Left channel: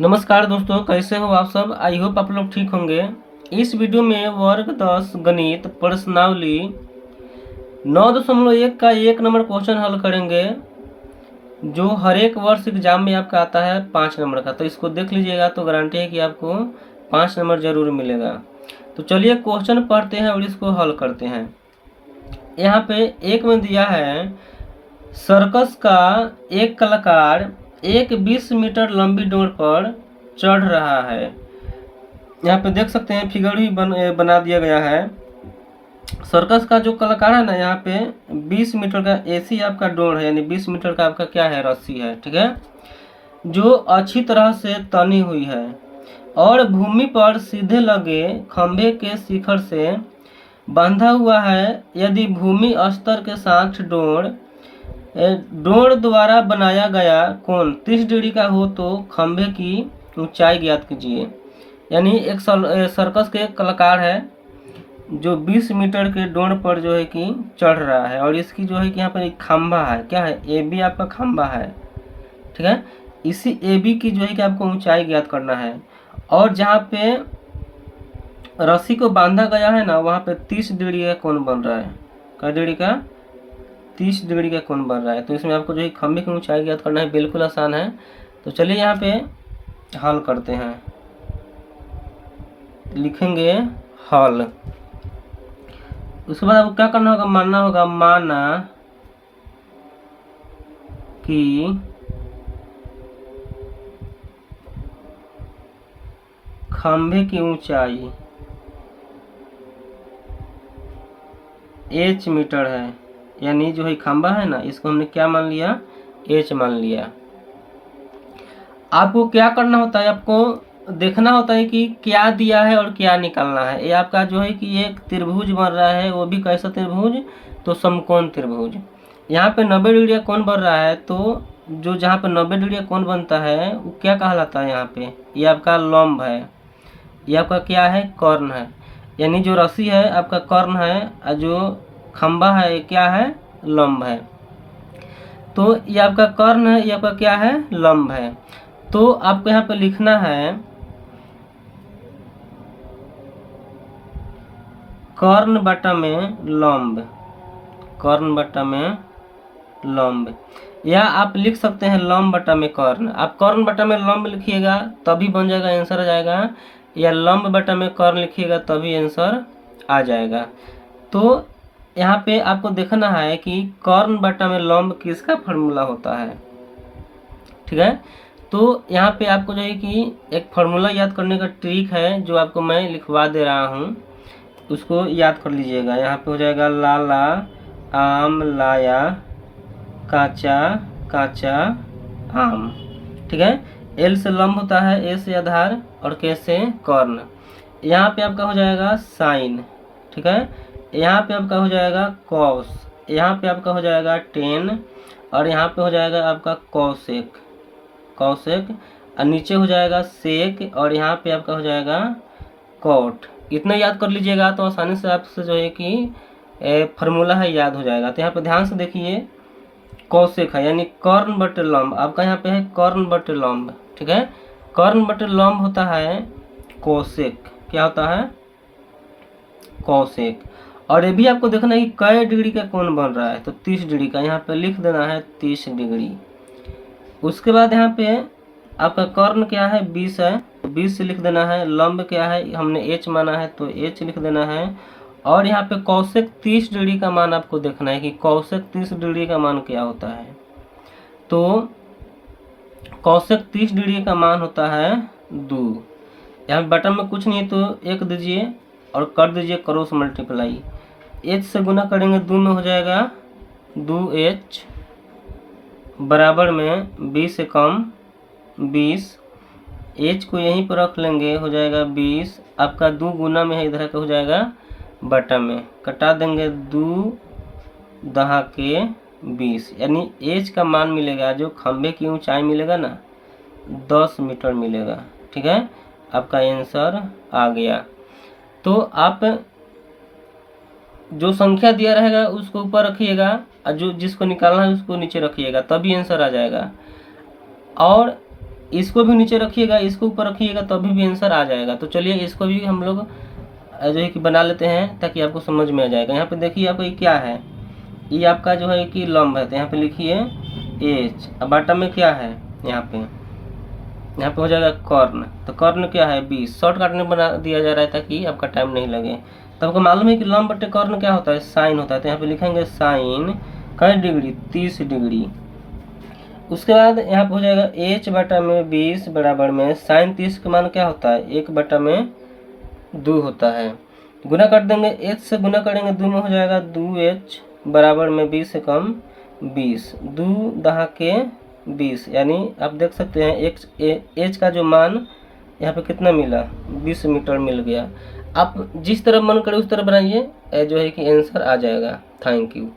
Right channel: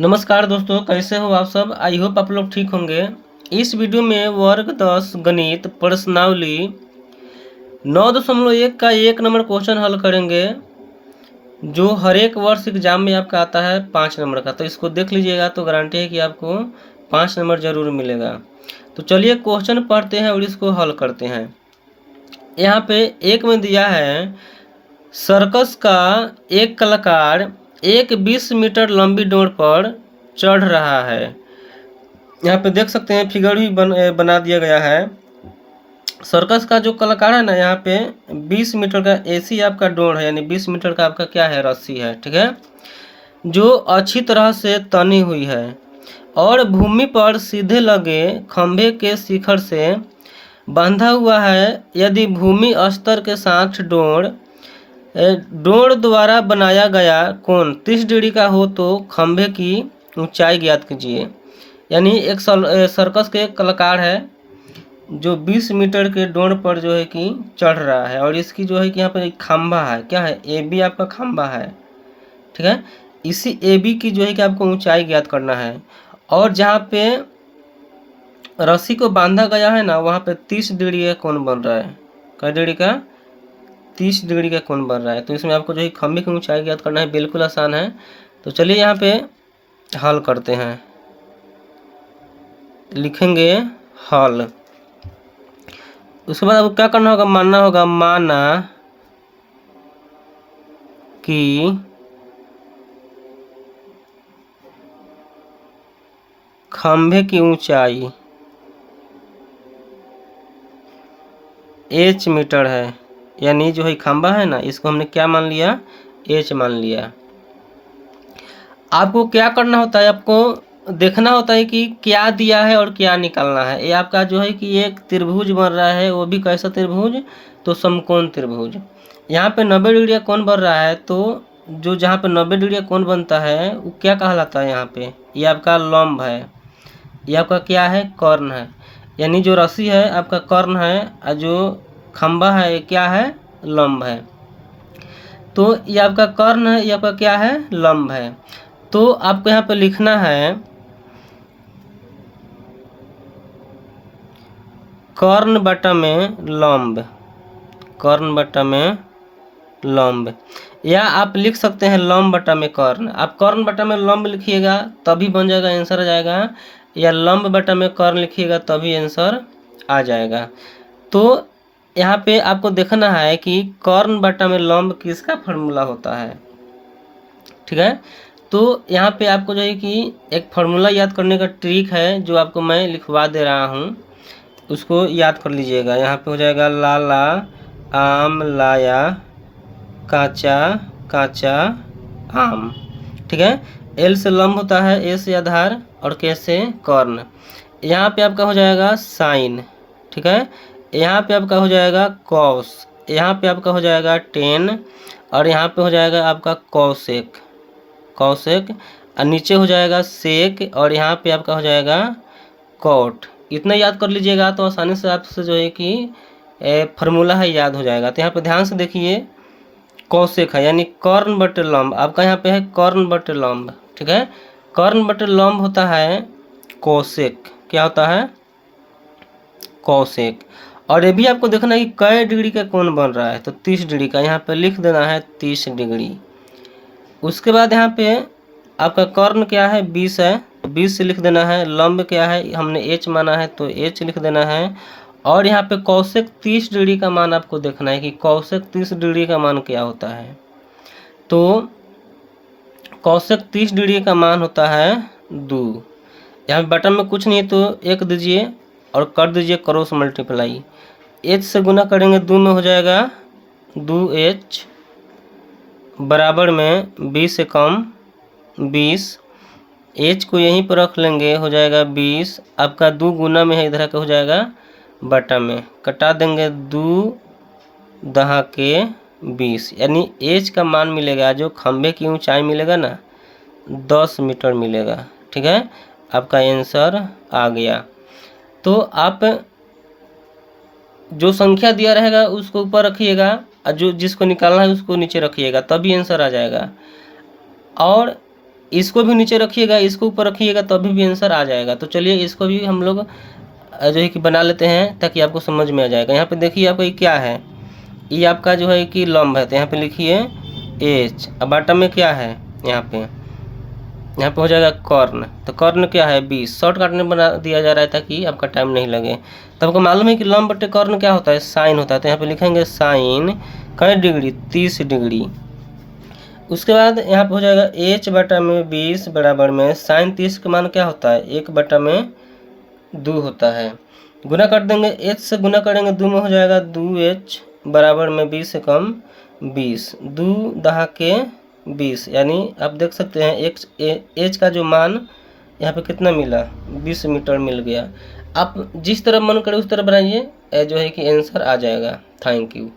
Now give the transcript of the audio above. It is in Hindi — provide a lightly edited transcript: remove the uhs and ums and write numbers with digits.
नमस्कार दोस्तों, कैसे हो आप सब। आई होप आप लोग ठीक होंगे। इस वीडियो में वर्ग 10 गणित प्रश्नावली 9.1 का 1 नंबर क्वेश्चन हल करेंगे, जो हर एक वर्ष एग्जाम में आपका आता है 5 नंबर का। तो इसको देख लीजिएगा तो गारंटी है कि आपको 5 नंबर जरूर मिलेगा। तो चलिए क्वेश्चन पढ़ते हैं और इसको हल करते हैं। यहाँ पे एक में दिया है, सर्कस का एक कलाकार एक 20 मीटर लंबी डोर पर चढ़ रहा है। यहाँ पे देख सकते हैं, फिगर भी बना दिया गया है। सर्कस का जो कलाकार है ना, यहाँ पे 20 मीटर का एसी आपका डोर है, यानी 20 मीटर का आपका क्या है, रस्सी है, ठीक है, जो अच्छी तरह से तनी हुई है और भूमि पर सीधे लगे खंभे के शिखर से बांधा हुआ है। यदि भूमि स्तर के साथ डोर द्वारा बनाया गया कोण 30 डिग्री का हो तो खंभे की ऊंचाई ज्ञात कीजिए। यानी एक सर्कस के कलाकार है जो 20 मीटर के डोर पर जो है कि चढ़ रहा है, और इसकी जो है कि यहाँ पर एक खंभा है, क्या है, AB आपका खंभा है, ठीक है। इसी AB की जो है कि आपको ऊंचाई ज्ञात करना है, और जहाँ पे रस्सी को बांधा गया है ना, वहाँ पे 30 डिग्री का कोण बन रहा है। कै डिग्री का? 30 डिग्री का कोण बन रहा है। तो इसमें आपको जो है खंभे की ऊंचाई ज्ञात करना है। बिल्कुल आसान है। तो चलिए यहाँ पे हल करते हैं। लिखेंगे हल। उसके बाद आपको क्या करना होगा, मानना होगा, माना कि खंभे की ऊंचाई h मीटर है। यानी जो है खंभा है ना, इसको हमने क्या मान लिया, h मान लिया। आपको क्या करना होता है, आपको देखना होता है कि क्या दिया है और क्या निकालना है। ये आपका जो है कि एक त्रिभुज बन रहा है, वो भी कैसा त्रिभुज, तो समकोण त्रिभुज। यहाँ पे 90 डिग्री का कोण बन रहा है, तो जो जहाँ पे 90 डिग्री का कोण बनता है वो क्या कहलाता है, यहाँ पे ये आपका लंब है, ये आपका क्या है, कर्ण है। यानी जो रस्सी है आपका कर्ण है और जो खंभा है ये क्या है, लंब है। तो ये आपका कर्ण है, ये आपका क्या है, लंब है। तो आपको यहाँ पे लिखना है कर्ण बटा में लंब, कर्ण बटा में लंब, या आप लिख सकते हैं लंब बटा में कर्ण। आप कर्ण बटा में लंब लिखिएगा तभी बन जाएगा, आंसर आ जाएगा, या लंब बटा में कर्ण लिखिएगा तभी आंसर आ जाएगा। तो यहाँ पे आपको देखना है कि कर्ण बटा में लंब किसका फार्मूला होता है, ठीक है। तो यहाँ पे आपको जो है कि एक फार्मूला याद करने का ट्रिक है, जो आपको मैं लिखवा दे रहा हूँ, उसको याद कर लीजिएगा। यहाँ पे हो जाएगा लाला आम लाया काचा काचा आम, ठीक है। एल से लंब होता है, ए से आधार और के से कर्ण। यहाँ पे आपका हो जाएगा साइन, ठीक है। यहाँ पे आपका हो जाएगा कॉस, यहाँ पे आपका हो जाएगा टेन, और यहाँ पे हो जाएगा आपका कॉसेक, कॉसेक, और नीचे हो जाएगा सेक, और यहाँ पे आपका हो जाएगा कॉट। इतना याद कर लीजिएगा तो आसानी से आपसे जो है कि फार्मूला है याद हो जाएगा। तो यहाँ पे ध्यान से देखिए, कौशिक है यानी कर्ण बटे लंब, आपका यहाँ पे है कर्ण बटे लंब, ठीक है। कर्ण बटे लंब होता है कौशिक, क्या होता है, कौशिक। और ये भी आपको देखना है कि कै डिग्री का कोण बन रहा है, तो 30 डिग्री का, यहाँ पे लिख देना है 30 डिग्री। उसके बाद यहाँ पे आपका कर्ण क्या है, 20 है, 20 से लिख देना है। लंब क्या है, हमने h माना है तो h लिख देना है। और यहाँ पे कौशिक 30 डिग्री का मान आपको देखना है कि कौशिक 30 डिग्री का मान क्या होता है। तो कौशिक 30 डिग्री का मान होता है 2। यहाँ पे बटन में कुछ नहीं है तो 1 दीजिए और कर दीजिए क्रॉस मल्टीप्लाई। h से गुना करेंगे 2 में हो जाएगा 2h बराबर में 20 से कम 20, h को यहीं पर रख लेंगे, हो जाएगा 20। आपका 2 गुना में है, इधर का हो जाएगा बटा में, कटा देंगे 2 दहा के 20, यानी h का मान मिलेगा, जो खंभे की ऊंचाई मिलेगा ना, 10 मीटर मिलेगा, ठीक है। आपका आंसर आ गया। तो आप जो संख्या दिया रहेगा उसको ऊपर रखिएगा, और जो जिसको निकालना है उसको नीचे रखिएगा, तभी आंसर आ जाएगा। और इसको भी नीचे रखिएगा, इसको ऊपर रखिएगा तभी भी आंसर आ जाएगा। तो चलिए इसको भी हम लोग जो है कि बना लेते हैं ताकि आपको समझ में आ जाएगा। यहाँ पे देखिए आपका ये क्या है, ये आपका जो है कि लंब है, तो यहाँ पे लिखिए एच। अब बॉटम में क्या है, यहाँ पे हो जाएगा कॉर्न। तो कॉर्न क्या है 20, शॉर्टकट में बना दिया जा रहा है ताकि आपका टाइम नहीं लगे। तो आपको मालूम है कि लंब बटे कॉर्न क्या होता है, साइन होता है। तो यहाँ पे लिखेंगे साइन कई डिग्री, 30 डिग्री। उसके बाद यहाँ पे हो जाएगा एच बटा में 20 बराबर में साइन 30 का मान क्या होता है, 1 बटा में 2 होता है। गुना कर देंगे, एच से गुना करेंगे 2 में हो जाएगा 2h बराबर में 20 से कम 20, 2 दहा के 20, यानी आप देख सकते हैं एच का जो मान यहाँ पे कितना मिला, 20 मीटर मिल गया। आप जिस तरह मन करे उस तरह बनाइए, जो है कि आंसर आ जाएगा। Thank you.